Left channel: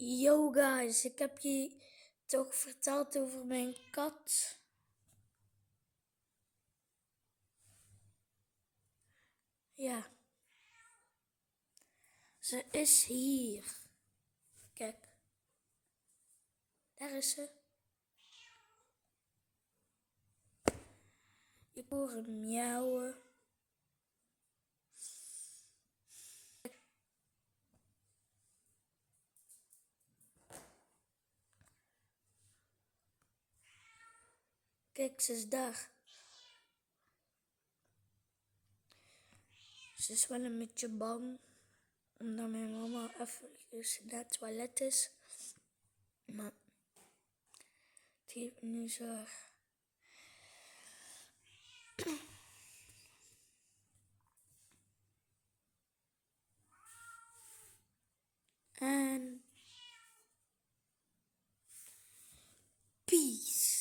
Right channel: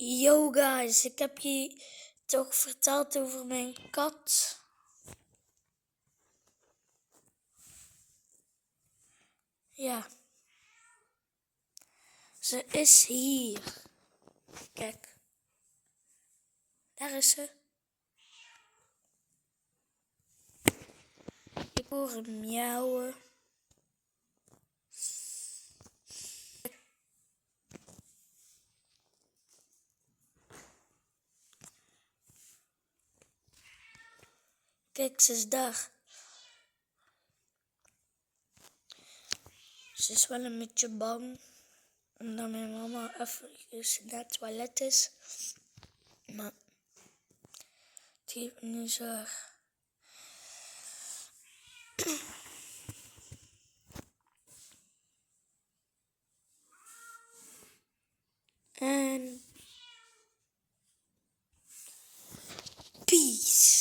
Yo guys, ik heb je toch verteld over mijn kat. Ja, ze is hier. Kijk, daar is ze. Ik hoor hem miauwen. Kijk, ze is daar. Ze is wel een beetje bang, omdat mijn mama even naar het toilet is. Maar het heeft nu zo. En peace.